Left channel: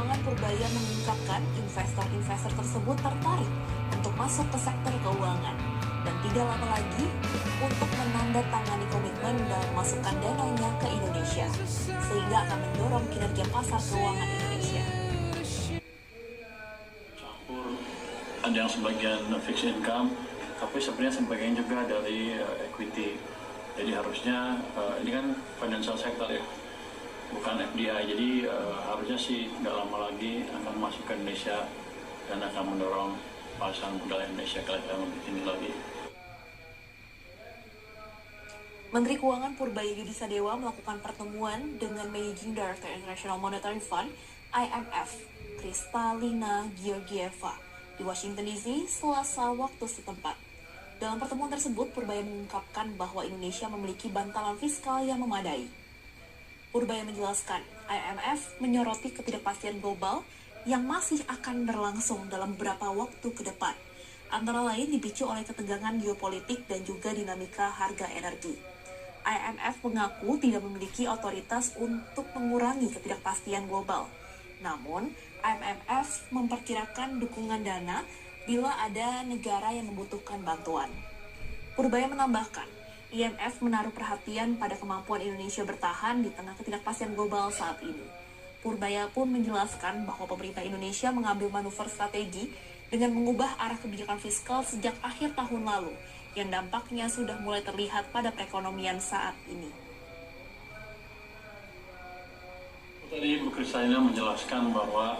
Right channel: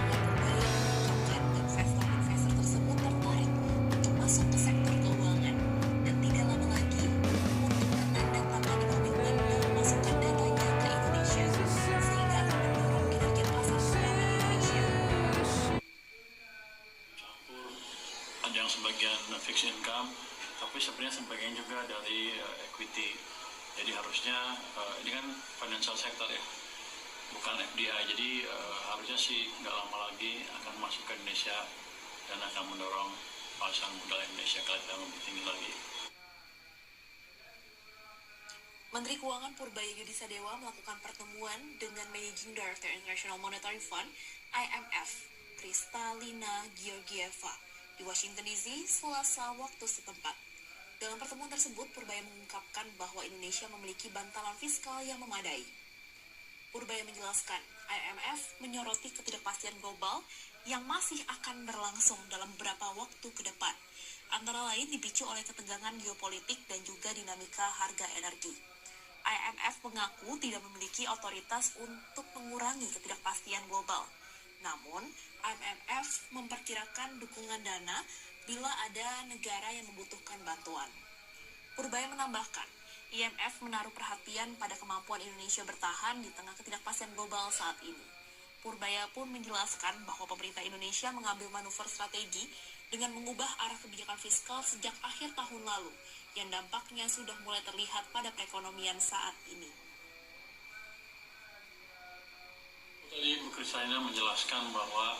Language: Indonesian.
Keuangan Purbaya mengungkapkan investor-investor tersebut tertarik untuk masuk ke sektor keuangan dan tidak lama lagi untuk menandatangani komitmen dan memasukkan dananya ke Indonesia, sehingga akan mendorong kinerja pasar keuangan Indonesia. Ada yang sebagian fixed income, tapi sebenarnya sebagian juga dari equity. Jadi harusnya ini kan financial sector ya, bukan FDI. Jadi harusnya sih nggak lama lagi akan masuk ke Indonesia dan akan mendorong pasar modal Indonesia ke level lebih tinggi lagi. Menteri Keuangan Purbaya Yudi Sadewa melakukan pertemuan dengan Managing Director International Monetary Fund (IMF) Kristalina Georgieva di Washington DC Selasa waktu setempat. Dalam pertemuan tersebut, Purbaya mengungkapkan bahwa Indonesia memiliki bantalan fiskal yang memadai. Purbaya menjelaskan, IMF menyoroti ketidakpastian global yang masih akan berlangsung dalam beberapa waktu ke depan, antara lain dipicu oleh ketegangan geopolitik dan juga dinamika harga energi. IMF mengaku tidak memiliki otoritas untuk mengurangi ketidakpastian global. Namun, IMF memperkirakan dukungan dana bila ada negara yang membutuhkan bantuan. Purbaya menambahkan, IMF menaruh perhatian pada kemampuan Indonesia bertahan di tengah ketidakpastian global saat ini. Purbaya pun menjelaskan bahwa pemerintah Indonesia mengambil manuver strategi dengan mengubah arah kebijakan fiskal sejak akhir tahun lalu, yang dampaknya sudah mulai terlihat pada perekonomian saat ini. Tadi Bu Kristalina menjelaskan bahwa